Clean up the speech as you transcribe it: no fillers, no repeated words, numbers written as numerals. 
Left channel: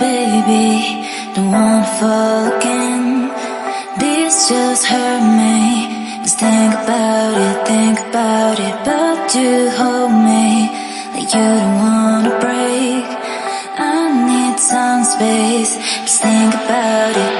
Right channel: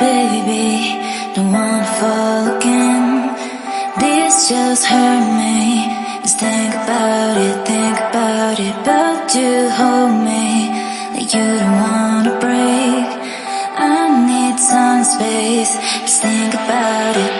baby, don't wanna fall again. This just hurt me. Just think about it, but you hold me like you don't wanna break. I need some space. Just think about it,